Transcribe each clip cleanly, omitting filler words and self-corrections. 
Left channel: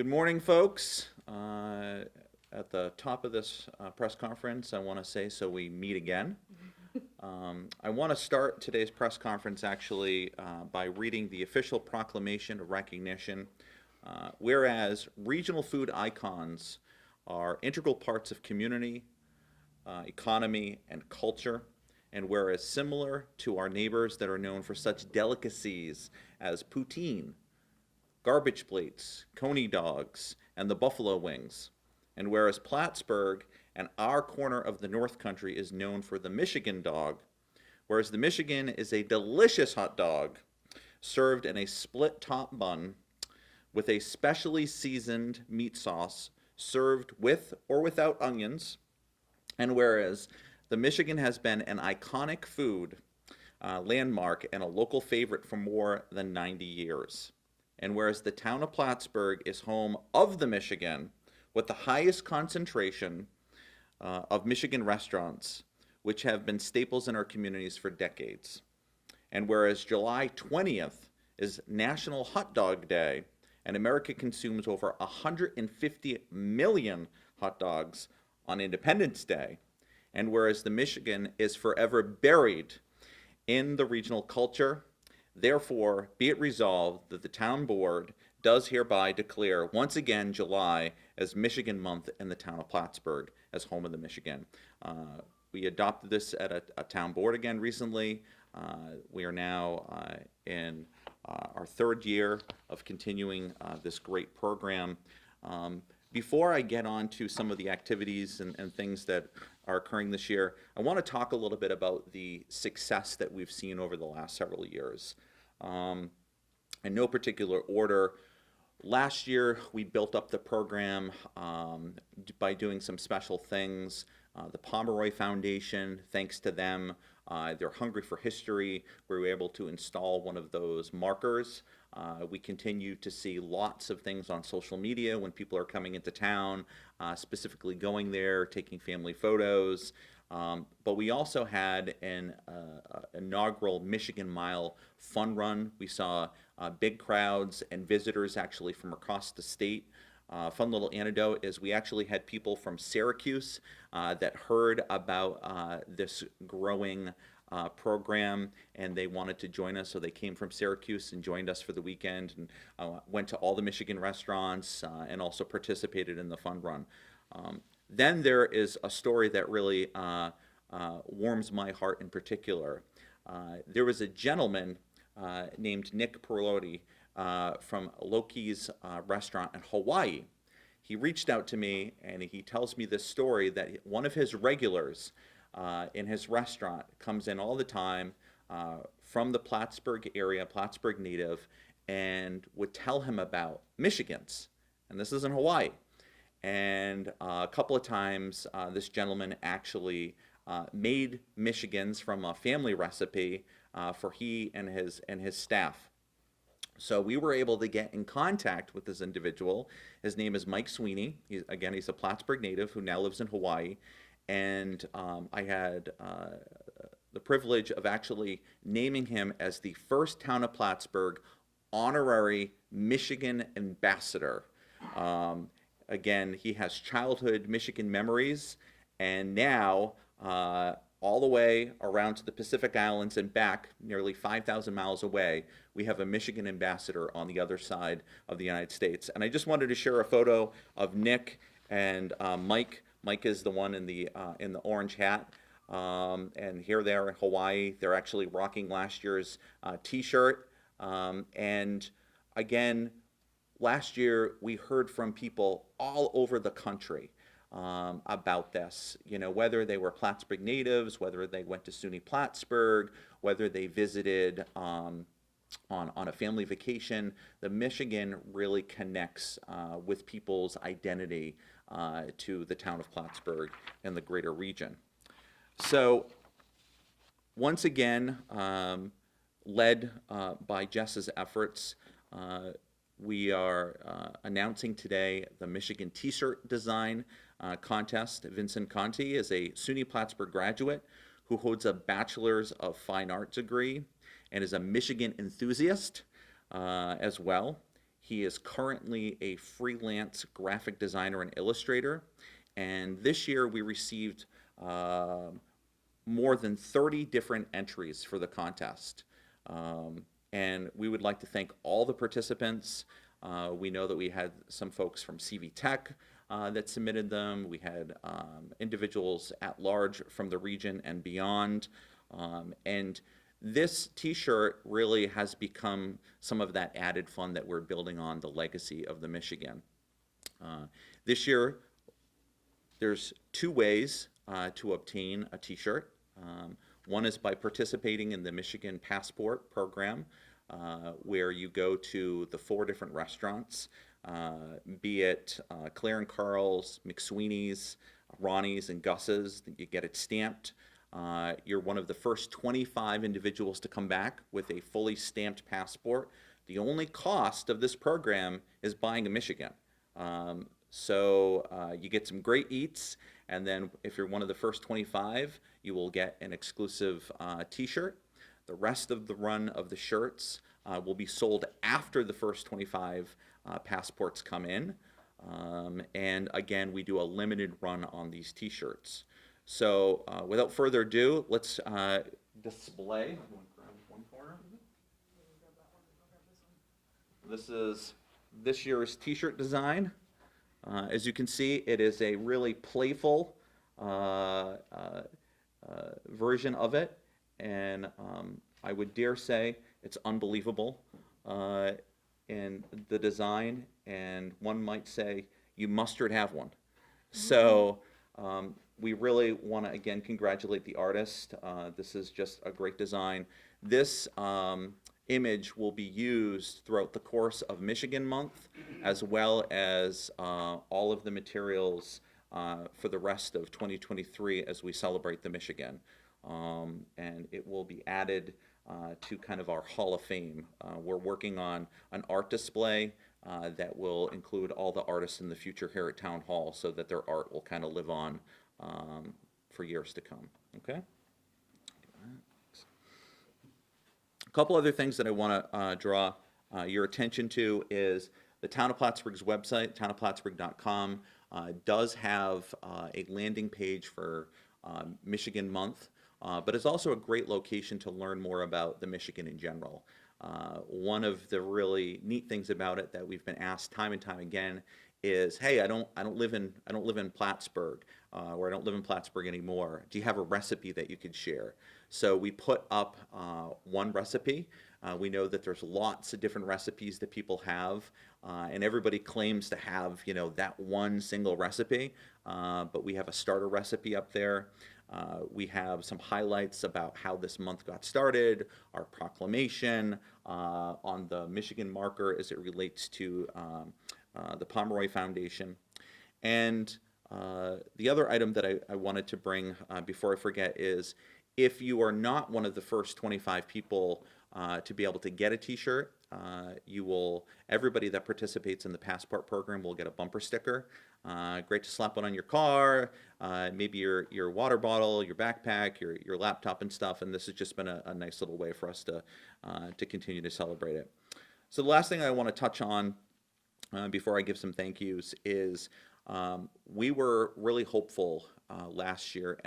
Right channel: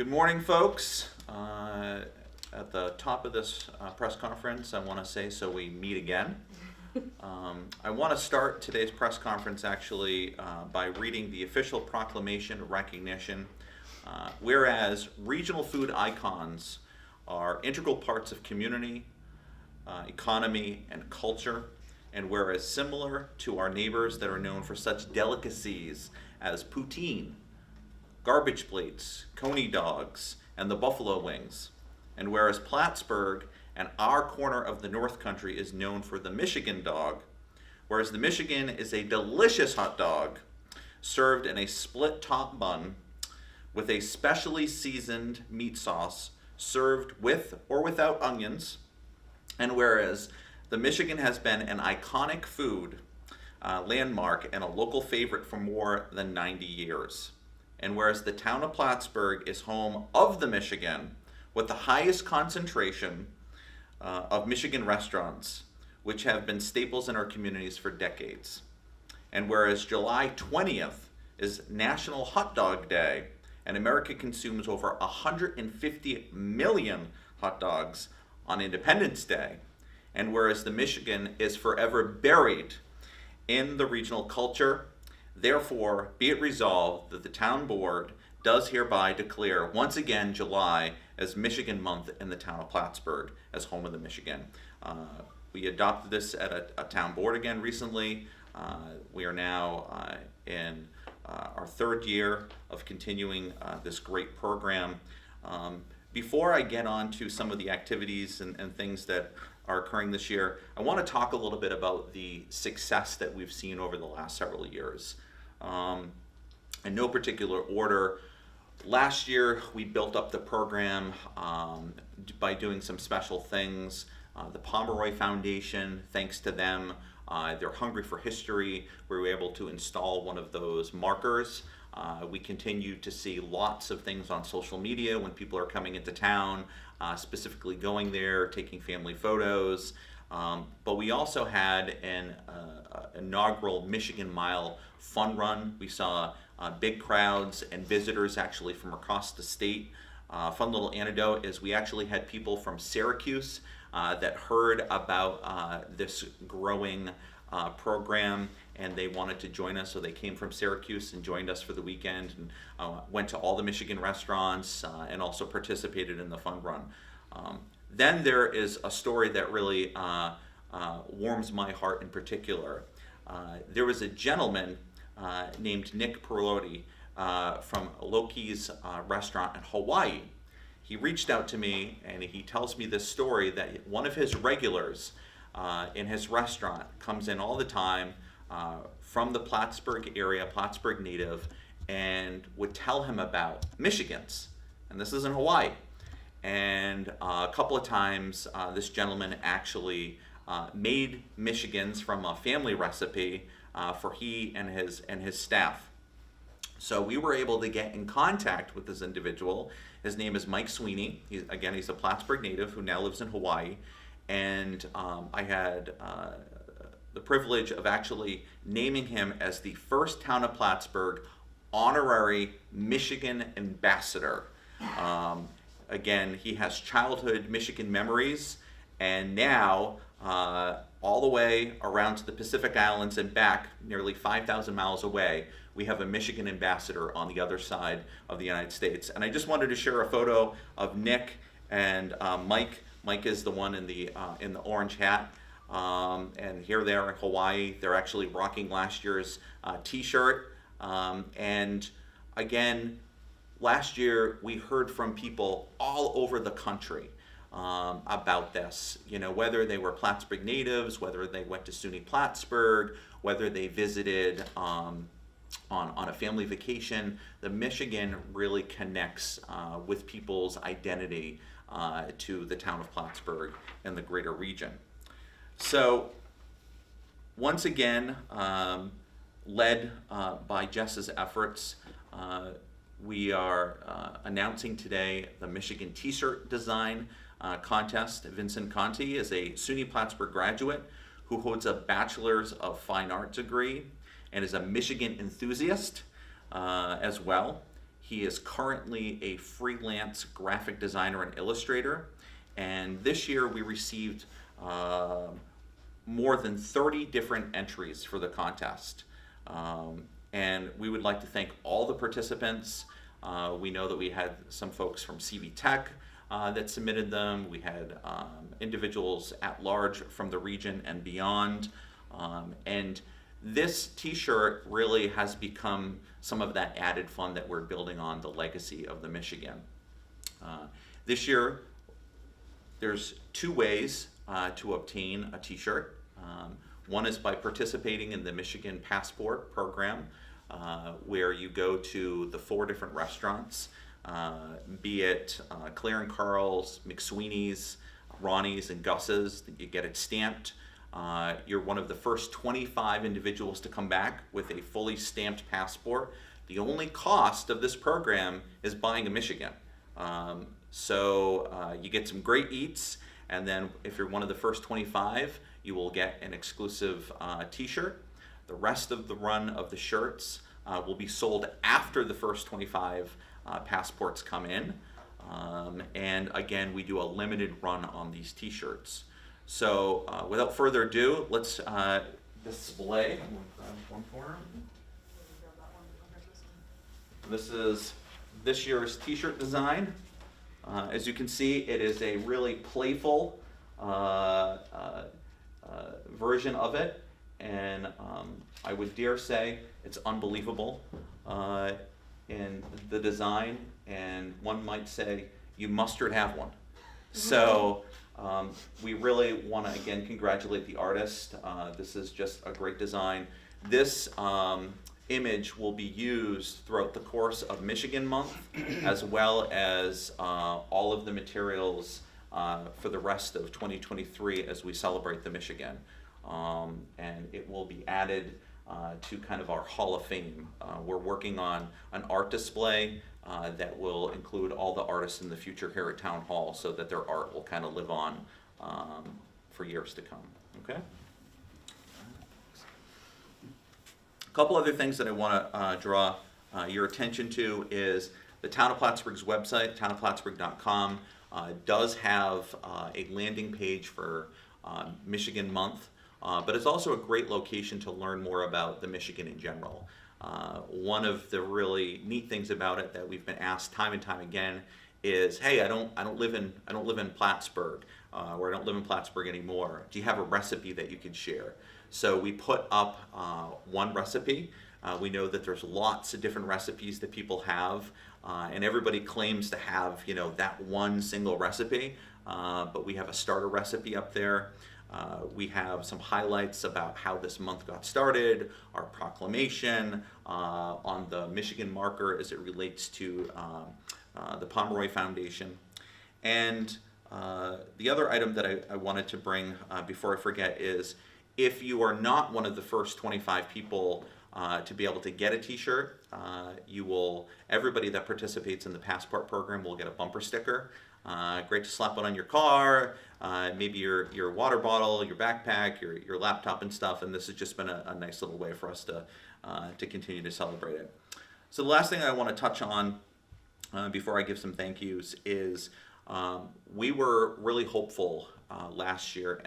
Good morning, folks. At the top of this press conference, I want to say so we meet again. I want to start today's press conference actually by reading the official proclamation of recognition. Whereas regional food icons are integral parts of community, economy, and culture, and whereas similar to our neighbors that are known for such delicacies as poutine, garbage plates, coney dogs, and the buffalo wings. And whereas Plattsburgh and our corner of the North Country is known for the Michigan dog, whereas the Michigan is a delicious hot dog served in a split top bun with a specially seasoned meat sauce served with or without onions. And whereas the Michigan has been an iconic food landmark and a local favorite for more than 90 years. And whereas the town of Plattsburgh is home of the Michigan with the highest concentration of Michigan restaurants, which have been staples in our communities for decades. And whereas July 20th is National Hot Dog Day, and America consumes over 150 million hot dogs on Independence Day, and whereas the Michigan is forever buried in the regional culture, therefore, be it resolved that the town board does hereby declare once again July as Michigan Month in the town of Plattsburgh as home of the Michigan. We adopted this at a town board again recently. We are now in our third year of continuing this great program. Before I get on to some of the activities and things that are occurring this year, I want to talk a little bit about the success that we've seen over the last several years. In no particular order, last year we built up the program by doing some special things. The Pomeroy Foundation, thanks to them, they're hungry for history. We were able to install one of those markers. We continue to see lots of things on social media when people are coming into town, specifically going there, taking family photos. But we also had an inaugural Michigan Mile fun run. We saw big crowds and visitors actually from across the state. Fun little anecdote is we actually had people from Syracuse that heard about this growing program, and they wanted to join us, so they came from Syracuse and joined us for the weekend and went to all the Michigan restaurants and also participated in the fun run. Then there is a story that really warms my heart in particular. There was a gentleman named Nick Perotti from Loki's restaurant in Hawaii. He reached out to me and he tells me this story that one of his regulars in his restaurant comes in all the time from the Plattsburgh area, Plattsburgh native, and would tell him about Michigans. And this is in Hawaii. And a couple of times this gentleman actually made Michigans from a family recipe for he and his staff. So we were able to get in contact with this individual. His name is McSweeney. He's a Plattsburgh native who now lives in Hawaii. And I had the privilege of actually naming him as the first Town of Plattsburgh honorary Michigan ambassador. Again, he has childhood Michigan memories, and now all the way around to the Pacific Islands and back, nearly 5,000 miles away, we have a Michigan ambassador on the other side of the United States. And I just wanted to share a photo of Nick and Mike. Mike is the one in the orange hat, and here they are in Hawaii. They're actually rocking last year's T-shirt. And again, last year we heard from people all over the country about this. You know, whether they were Plattsburgh natives, whether they went to SUNY Plattsburgh, whether they visited on a family vacation. The Michigan really connects with people's identity to the town of Plattsburgh and the greater region. So once again, led by Jess's efforts, we are announcing today the Michigan T-shirt design contest. Vincent Conti is a SUNY Plattsburgh graduate who holds a Bachelor's of Fine Art degree and is a Michigan enthusiast as well. He is currently a freelance graphic designer and illustrator. And this year we received more than 30 different entries for the contest. And we would like to thank all the participants. We know that we had some folks from CV Tech that submitted them. We had individuals at large from the region and beyond. And this t-shirt really has become some of that added fun that we're building on the legacy of the Michigan. This year, there's two ways to obtain a t-shirt. One is by participating in the Michigan Passport program, where you go to the 4 different restaurants, be it Clare Carl's, McSweeney's, Ronnie's, and Gus's. You get it stamped. You're one of the first 25 individuals to come back with a fully stamped passport. The only cost of this program is buying a Michigan. So you get some great eats, and then if you're one of the first 25, you will get an exclusive t-shirt. The rest of the run of the shirts will be sold after the first 25 passports come in. And again, we do a limited run on these t-shirts. So without further ado, let's display. This is this year's t-shirt design. As you can see, it is a really playful version of it, and I would dare say it's unbelievable in the design, and one might say you mustard have one. So we really want to again congratulate the artist. This is just a great design. This image will be used throughout the course of Michigan Month, as well as all of the materials for the rest of 2023 as we celebrate the Michigan. And it will be added to kind of our Hall of Fame. We're working on an art display that will include all the artists in the future here at Town Hall, so that their art will kind of live on for years to come. Okay? A couple other things that I want to draw your attention to is the Town of Plattsburgh's website, townofplattsburgh.com, does have a landing page for Michigan Month, but it's also a great location to learn more about the Michigan in general. One of the really neat things about it that we've been asked time and time again is, hey, I don't live in Plattsburgh, or I don't live in Plattsburgh anymore. Do you have a recipe that you can share? So we put up one recipe. We know that there's lots of different recipes that people have, and everybody claims to have, that one single recipe, but we have a starter recipe up there. We have some highlights about how this month got started, our proclamation on the Michigan marker as it relates to the Pomeroy Foundation. And the other item that I wanted to bring before I forget is, if you are not one of the first 25 people to be able to get a t-shirt, everybody that participates in the Passport program will get a bumper sticker. Great to slap one on your car, maybe your water bottle, your backpack, your laptop and stuff, and this has just been a nice little way for us to continue to celebrate it. So the last thing I want to touch on before I give some thank yous is we were really hopeful last year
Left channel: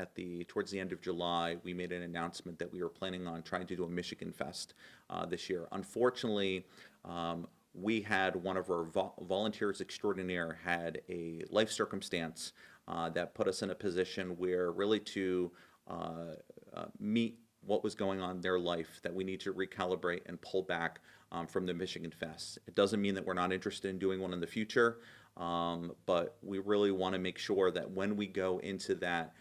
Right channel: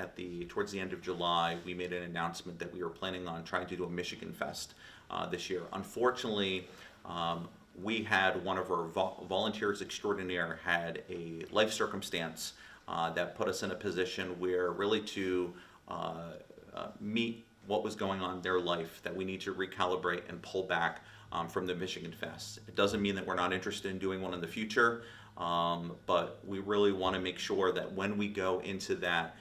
towards the end of July. We made an announcement that we were planning on trying to do a Michigan Fest this year. Unfortunately, we had one of our volunteers extraordinaire had a life circumstance that put us in a position where really to meet what was going on in their life, that we need to recalibrate and pull back from the Michigan Fest. It doesn't mean that we're not interested in doing one in the future, but we really want to make sure that when we go into that,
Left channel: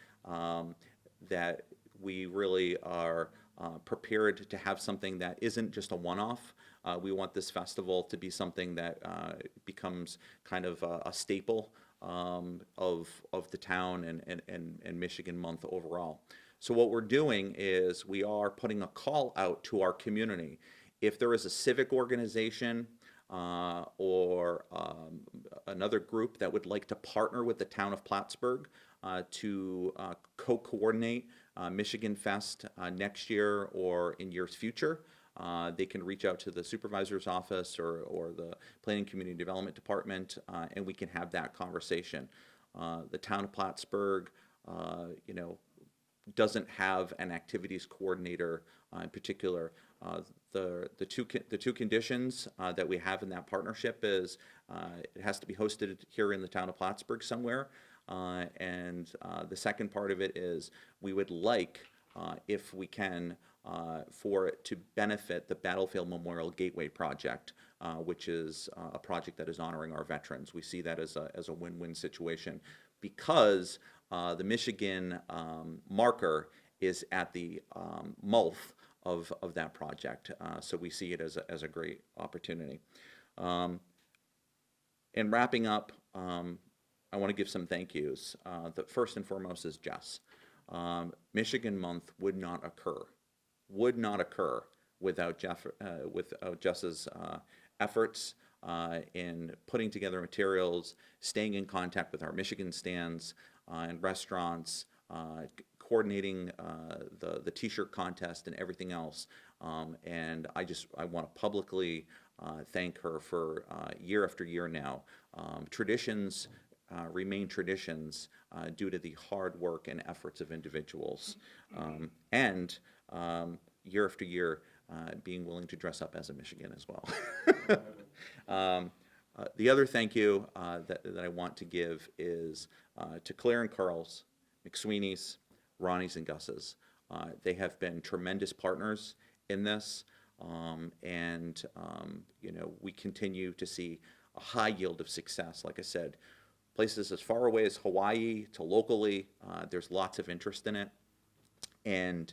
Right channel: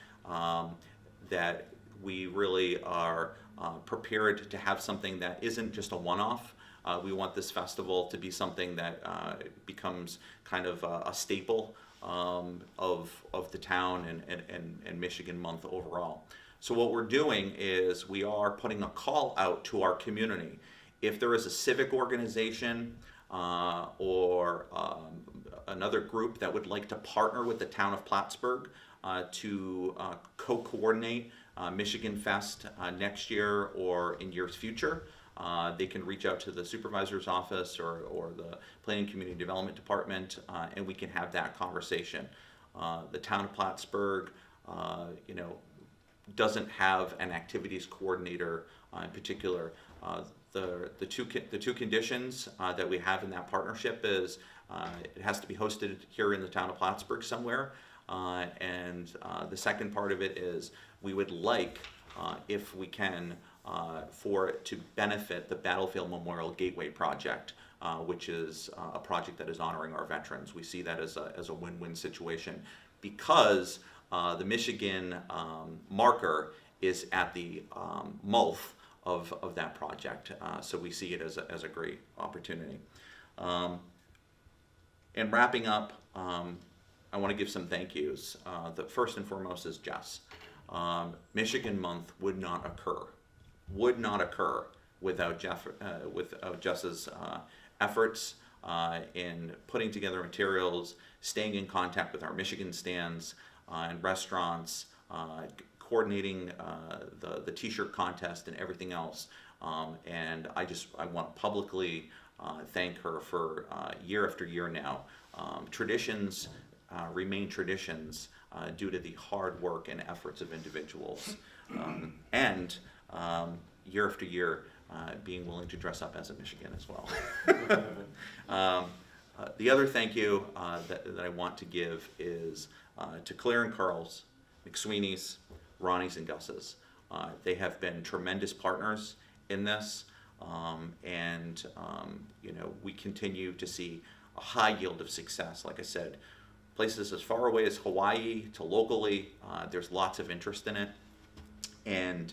that we really are prepared to have something that isn't just a one-off. We want this festival to be something that becomes kind of a staple of the town and Michigan Month overall. So what we're doing is we are putting a call out to our community. If there is a civic organization or another group that would like to partner with the Town of Plattsburgh to co-coordinate Michigan Fest next year or in years future, they can reach out to the supervisor's office or the Planning Community Development Department, and we can have that conversation. The town of Plattsburgh, doesn't have an activities coordinator in particular. The two conditions that we have in that partnership is it has to be hosted here in the town of Plattsburgh somewhere, and the second part of it is we would like, if we can, for it to benefit the Battlefield Memorial Gateway project, which is a project that is honoring our veterans. We see that as a win-win situation because the Michigan marker is at the mouth of that project, so we see it as a great opportunity. And wrapping up, I want to give some thank yous. The first and foremost is Jess. Michigan Month would not occur without Jess's efforts in putting together materials, staying in contact with our Michigan stands and restaurants, coordinating the T-shirt contest and everything else. And I want to publicly thank her for year after year now. Traditions remain traditions due to the hard work and efforts of individuals. And year after year, being willing to dress up as a Michigan as well. The other thank you that I want to give is to Clare and Carl's, McSweeney's, Ronnie's, and Gus's. They have been tremendous partners in this, and we continue to see a high yield of success. Like I said, places as far away as Hawaii to locally, there's lots of interest in it. And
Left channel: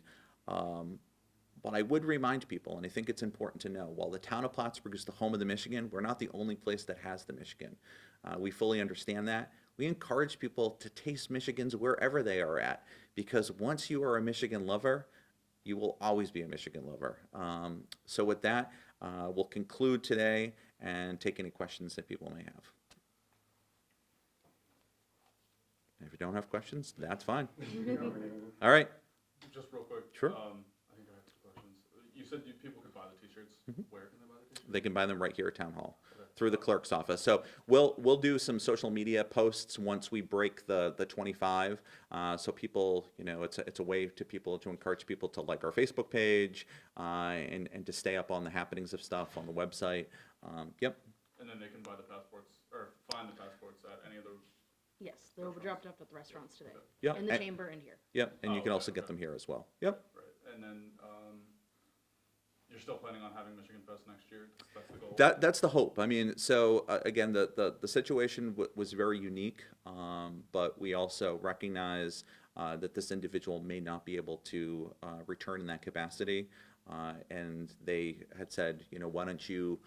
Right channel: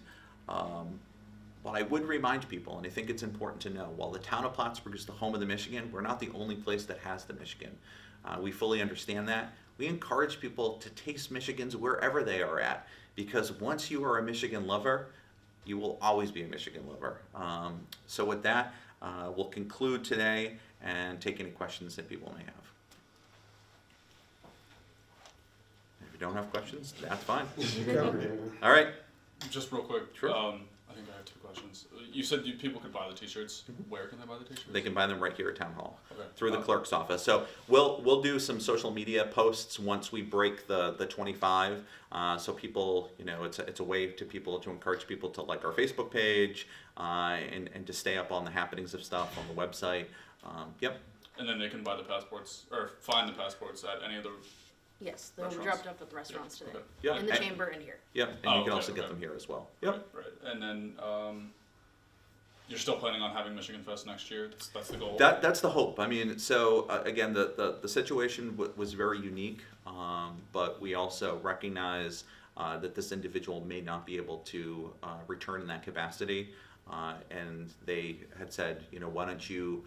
but I would remind people, and I think it's important to know, while the town of Plattsburgh is the home of the Michigan, we're not the only place that has the Michigan. We fully understand that. We encourage people to taste Michigans wherever they are at, because once you are a Michigan lover, you will always be a Michigan lover. So with that, we'll conclude today and take any questions that people may have. If you don't have questions, that's fine. All right. Just real quick. Sure. I think I have 2 questions. You said people could buy the T-shirts. Where can they buy the T-shirts? They can buy them right here at Town Hall, okay. Through the clerk's office. So we'll do some social media posts once we break the 25. So people, it's a way to encourage people to like our Facebook page and to stay up on the happenings of stuff on the website. Yep. And then they can buy the passports or find the passports at any of the. Yes, they were dropped off at the restaurants today. Okay. Yep. In the chamber and here. Yep, and you can also get okay. them here as well. Yep. Right. And then you're still planning on having Michigan Fest next year? That's the goal? That's the hope. I mean, so again, the situation was very unique, but we also recognize that this individual may not be able to return in that capacity. And they had said, why don't you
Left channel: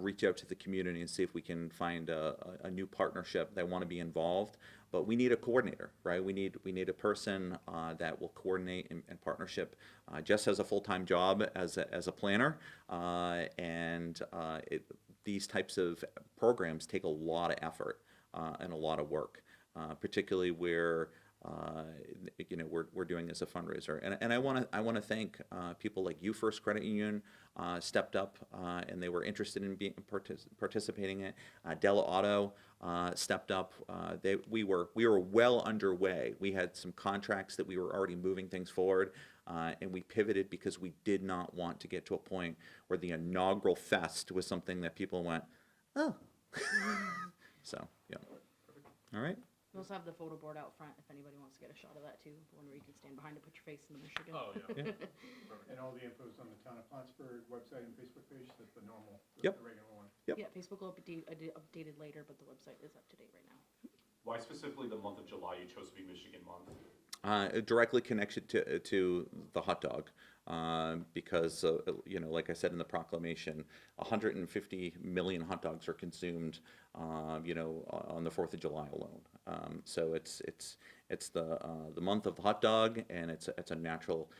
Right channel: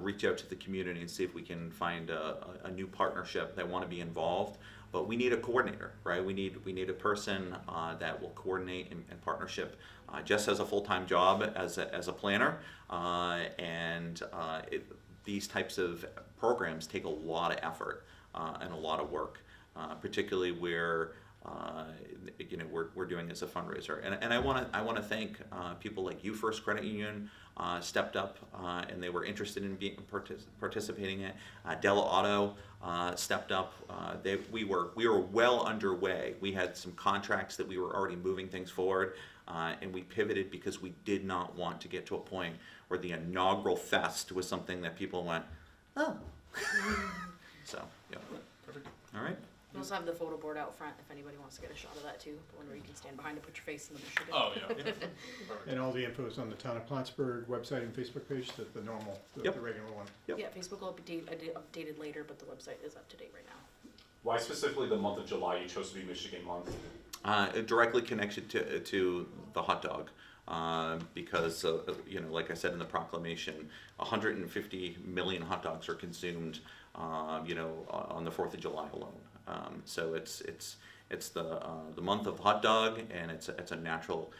reach out to the community and see if we can find a new partnership that want to be involved. But we need a coordinator, right? We need a person that will coordinate in partnership. Jess has a full-time job as a planner, and these types of programs take a lot of effort and a lot of work, particularly where we're doing as a fundraiser. And I want to thank people like You First Credit Union stepped up and they were interested in participating in it. Della Auto stepped up. We were well underway. We had some contracts that we were already moving things forward, and we pivoted because we did not want to get to a point where the inaugural fest was something that people went, oh. So, yeah. Perfect. All right. We also have the photo board out front if anybody wants to get a shot of that too. The one where you can stand behind and put your face in the Michigan. Oh, yeah. Perfect. And all the info is on the Town of Plattsburgh website and Facebook page, the normal, the regular one. Yep. Yeah, Facebook will be updated later, but the website is up to date right now. Why specifically the month of July you chose to be Michigan Month? Directly connected to the hot dog, because like I said in the proclamation, 150 million hot dogs are consumed, on the 4th of July alone. So it's the month of the hot dog, and it's a natural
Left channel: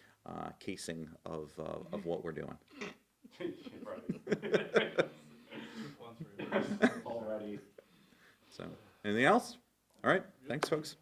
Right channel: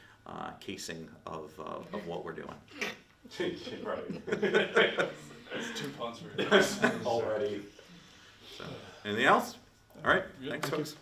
casing of what we're doing. Right. It's 2 puns for you. Already. So, anything else? All right. Yeah, Thanks, thank you. folks.